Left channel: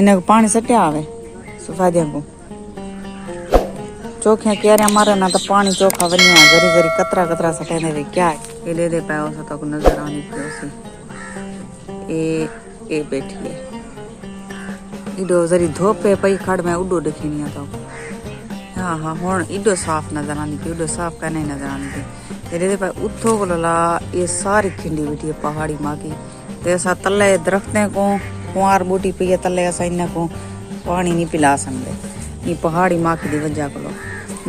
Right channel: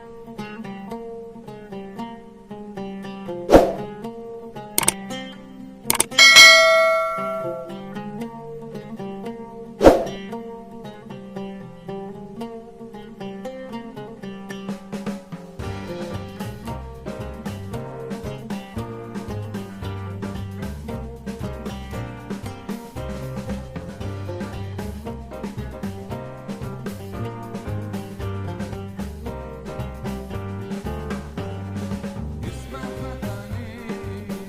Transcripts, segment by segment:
इन्हें को पानी सटे आवे सुफादिया को चोखे क्यारे मारे ना तो पानी चोखा बनिया गरी गरी कतरा कतरा सटे दे क्या है ये ले दे पाओ सो तो नजर आनी से ए बैठी है इडो जरी धोपे पई खड़ में उडो देखनी तो हां हां हुन इडो साफ नजर आनी इडो साफ करने नजर आनी ये दे पाए उठो बोला ये सारी खिंडी बैठी है पहाड़ी मां की ते सा तले दरख्तें को कुंवार बूटी पे तले असा इन को पानी नहीं पिला सकते ये पहाड़ी माँ की वजह को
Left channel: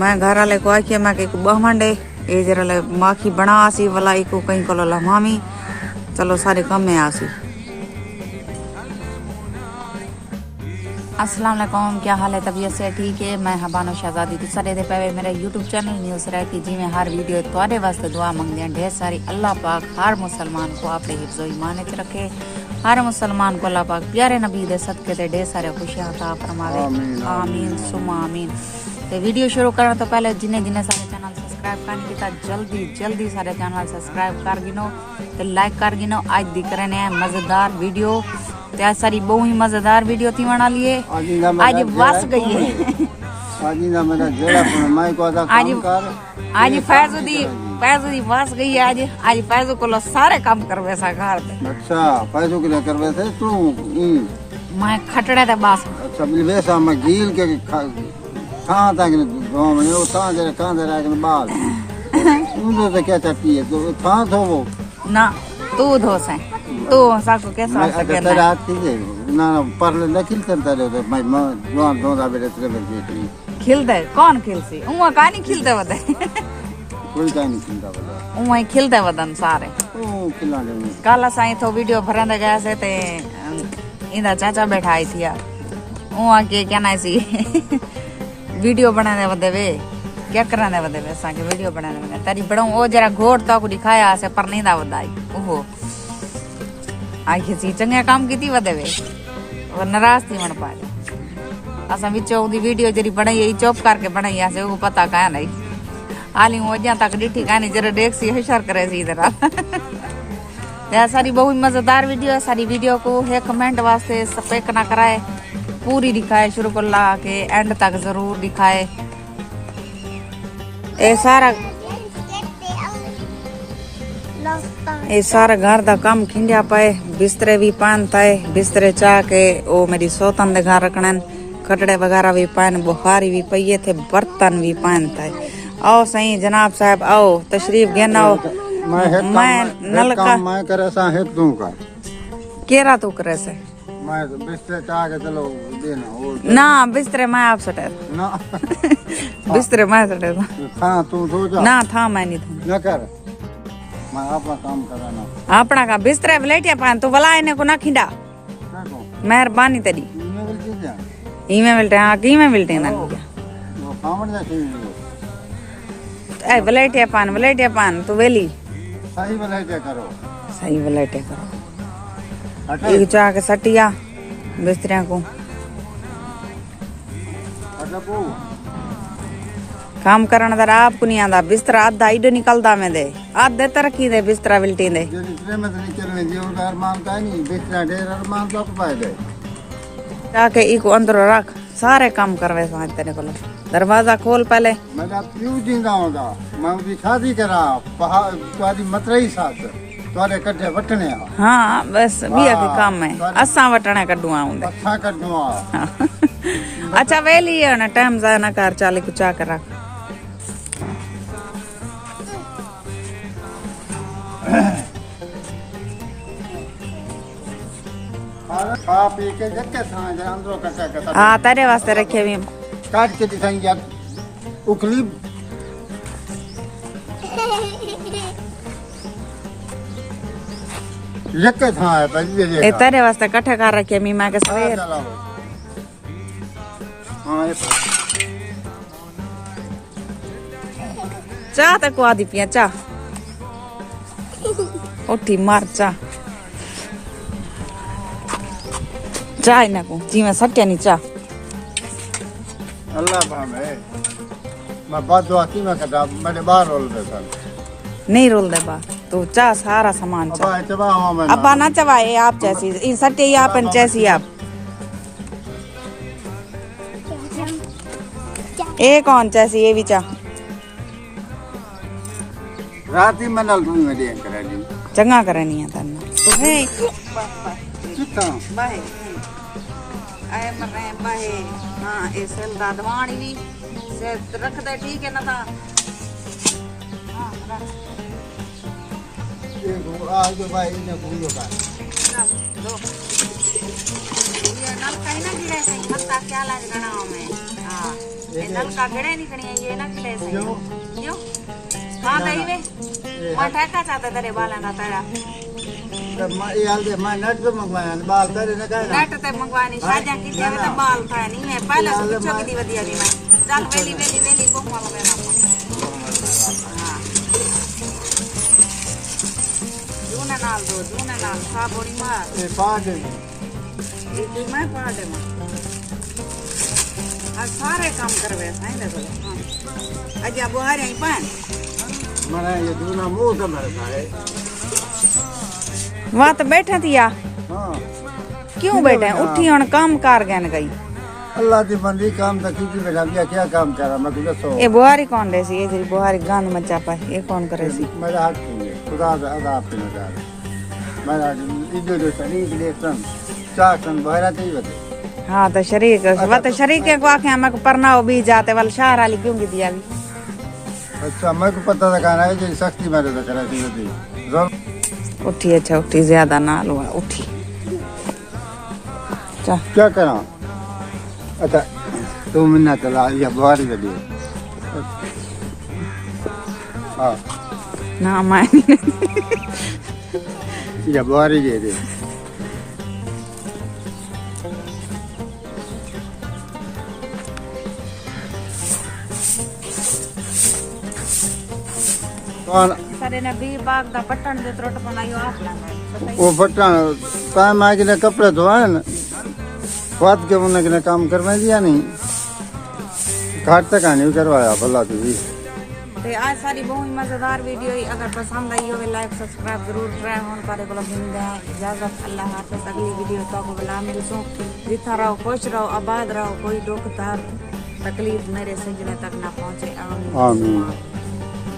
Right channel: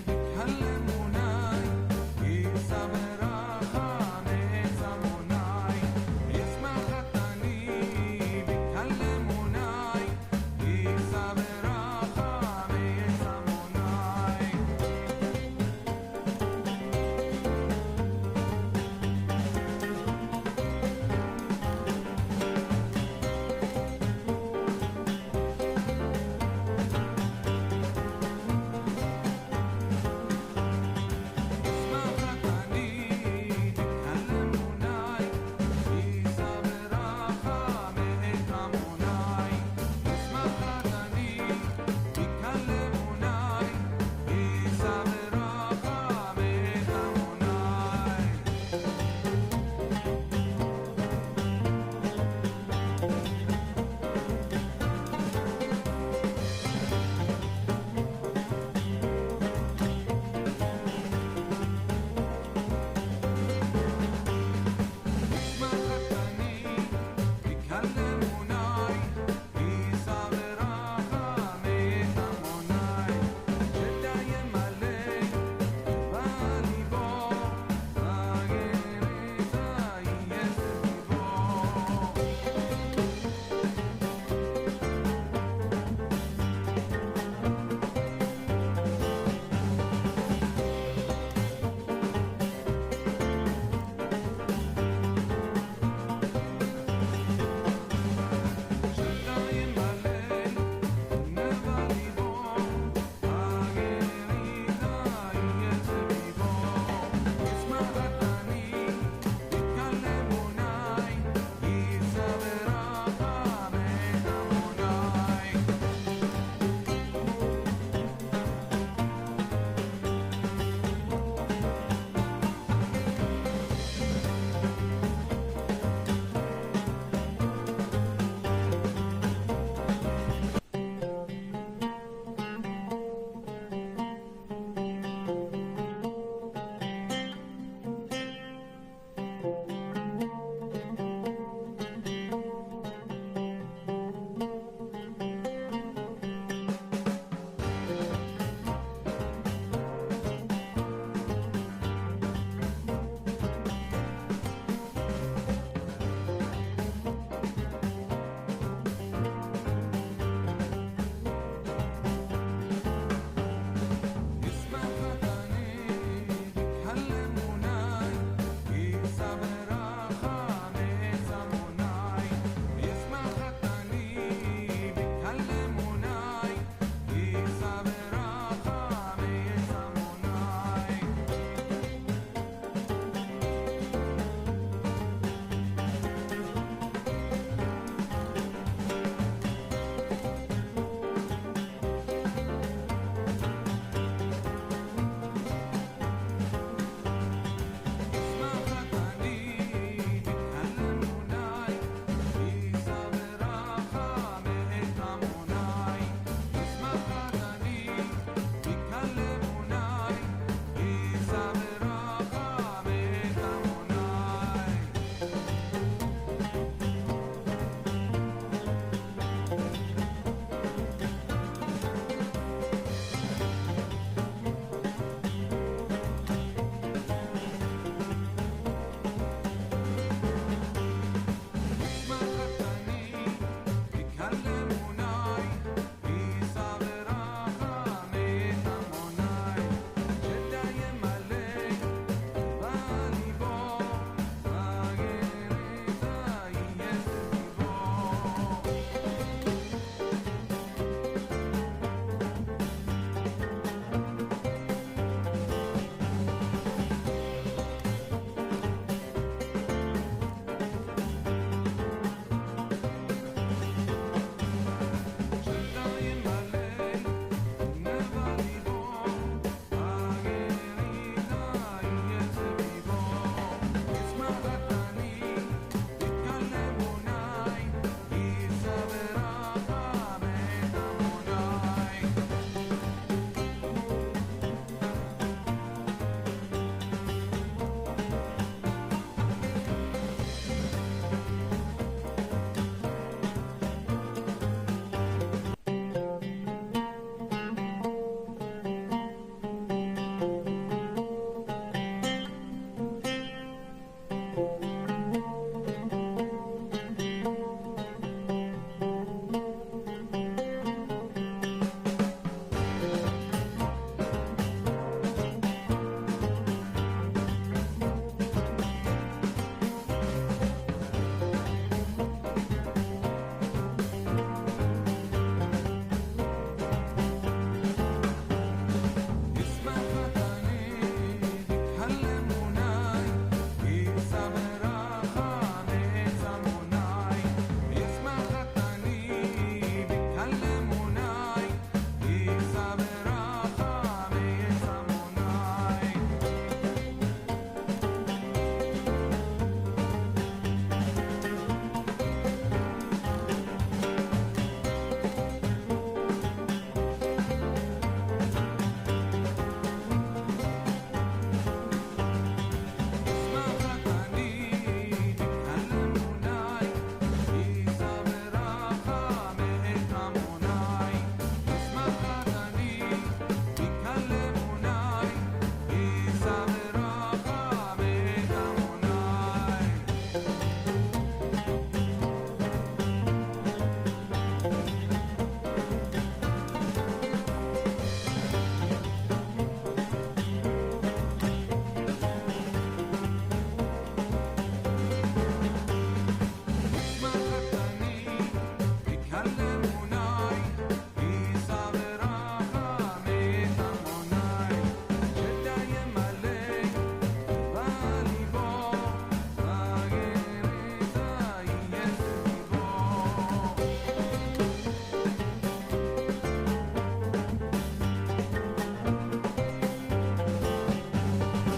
मैं घर वाले को आखिए मैं के बहमंडे ये जरा माँ की बना आसी वाला को कहीं को ला मामी चलो सारे कम में आसी। अस्सलाम वालेकुम, क्या हाल है? तबीयत से ठीक है? मैं हबानो शहजादी दूसरे दे पे मेरे यूट्यूब चैनल न्यूज़ रहती जी में हर वीडियो तुम्हारे वास्ते दुआ मंगते हैं ढेर सारी। अल्लाह पाक हर मुसलमान को आपने हिफ्ज़ो ईमान में रखे, हर मुसलमान को अल्लाह पाक प्यारे नबी दे सदके दे ढेर सारे खुशियां अता फरमावे, आमीन सुमा आमीन। तो वीडियो शुरू करने तो पहले जिन्हें जिन्हें सारे चैनल सब्सक्राइब कर लिया जल्दी सारे चैनल सब्सक्राइब कर गिनो तो लाइक कर गिनो। आज दिख रहे हैं मजेदार वीडियो, त्या सारी बहुत ही मजेदार वीडियो थी बना लिए। आज बस गई है आज फैजुदी बस गई है। आज फैजू को सारे काम करवे सा घर। अच्छा फैजू के लिए करवे थे तू मैं खटड़े थे बस सबले वैसा मैं गील के कहां तक गांव में वो कहां दे रहा बाल तू तो क्या चाहती है तो कहां थो वो ना तू धो से तो साको कैसा सके तेरा आती है ना पर लेकिन करता रहे मैं दो बेटे खिलते कौन खिलसी उवा कानी खिलते बता कोई नहीं खिलता उवा खिलते बदन सारे काला साईं तो वीडियो भरने गया से ते इंदा चाचा बैठा आई थी यार उवा के क्या ना सी वीडियो बनाने बदे वे क्या कराने बदे वे साके वीडियो बनाने तेरी बड़ो ओ जरा घोट तो को दिखाया से पर नहीं दा बताई ओहो आई किसी चंगे काम की थी बदे वे वो नाराज थी मन पाए असा विचो दी वीडियो जरी बनाई यही चुप करके बनाई ऐसे वो पता का नहीं आली हो जा तक डिठी कानी जरा देख सी होशियार करे सी इधर या सारी बहुत मजेदार वीडियो है। सारी वीडियो को है कमेंट वास्ते सपेक ना कराए, पूरी दिखाए शुरू कर ला के एंड तक जरूर दिखाए। ये सारा घर दा काम खिंडिया पाए बिस्तरे भी पान थाए बिस्तरे चाह के ओ मेरी सोतन दे घर रखने खटड़े वगैरह भी पान बुखारी भी पइए थे बर्तन भी पान थाए। आओ सही जनाब साहब आओ तशरीफ घेन आओ। मैं नलका मैं करे सा है तू का केरा तू करे से मैं बिस्तर चाह के चलो देना ना बिस्तरे मैं आप सटे ना बिस्तरे मैं सटे हां तू सो जा ना था मैं नहीं न कर मैं अपना काम कराना अपना का बिस्तरे लेटिया पान तू भला इने को ना खिंडा मेहरबानी तेरी ई में मिलते हैं की में मिलते हैं ना ए वलेटिया पान तू वेली सही वलेटिया करो एक चाह के सटिया बिस्तरिया को काम करना दर आपको नहीं आंदा बिस्तरा आधा इडो निकलदा में दे आधे तरक्की दे बिस्तरा बिल्टी दे जाके इको अंदर रख सारे काम करवे समझ तेरे को दरवाजा खोल पहले मैं क्यों जिंदा होगा मैं भी शादी करा बाहर तुम्हारी मतरई साथ तुम्हारे कटे वटने हां बस बिया के काम में असा वटने कड्डू आऊंदे अच्छा कर दूं अच्छा वेली है ना टाइम जा ना कर चाले कुछ आ कर रख आप एक जगह था अंदर कटा हां तेरे वास्ते रखे भी काट के दिखाएंगे यार उखली जगह था बल्ले ए तेरे वास्ते इकट्ठे कर रखे मी मां के सवेर हां चाह तक को आदि पिया चाह उठी मार चाह चाय ना को जी में सट्या नहीं चाह अल्लाह पावे मैं बात दुआ की मैं कटा मैंने बाहर रोल दे सर नहीं रोल दे बा तू चाह सारा सामान चाह अब चबा हवा में अब ना चबाए आप जैसी इन सट्टे ही आप जैसी आप ये कौन चासी ये भी चा रात ही मनल तू में देन करा दी चंगा करनी है तन्ना तो है कितना बाहे आए मने बाहे हां इस दादवाणी नी से रख दे ठीक है ना ता आज भाई ने बोलो का ये नल कहीं ना गिरे से खत्ता क्या लाज गणाओ में हां ये नल का गड़े निकणी ये ना गिरे से क्यों हां दई वे वा ठेका चाहते तेरे बाला ना तेरा मैं यार दे मैं नेट पे मंगवाया बाल तेरे ने कहा नेट ते मंगवानी शाजा की देवे ते बाल था नहीं है पहले से पूछो की दी वदिया दी मैं चल वेली वेली वेली को मारो मेरा साबोरी मार ये पांच ये मैं पाड़े में आज सारे काम करवे नहीं ना आज अब हरे ही पान मैंने ये दूना मुंह से मर गए वहां तो बैठा थिया हां क्यों बैठे उठी और काम कार गन गई अल्लाह दी बंदी काम न की बेटा क्या काम करा मैं तुझे सो ये बुहारी कौन रे सी ये जी बुहारी गांध मचा पर ये कौन करे सी मेरा हाथ खुदा दा आप पे मेरा इधर सही लेसन चासन बहरा थी बता हां तो शरीर के शरीर के को आखे हमक परनाओ भी जाते वाल शहर वाली क्यों दिया अच्छा मेरे को पता था कहना है कि सख्ती मेरे से करा दी थी उठी अच्छा उठी ज्यादा ना लो उठी चा क्या करा अच्छा तुम ना चला या बुहारी लगी हां ना मैं या बुहारी दे दे कौन सारे नबी बाग दा पट्टन दे त्रोट बनायो आपने वो फटा टाइम आ के कपड़े धोए ना बात के उन्होंने काम करवा दिया नहीं घाट तक आने करवाया भला तुझी ते आज सारी बहुत मजेदार वीडियो है अगर पसंद आई हो लाइक सब्सक्राइब जरूर करें और बारे को इजाजत अल्लाह हाफिज़ अगली वीडियो का गुलाम दोस्तों दिखा रहो खुश रहो आबाद रहो कोई दुख तकलीफ मेरे से तक ना पहुंचे आमीन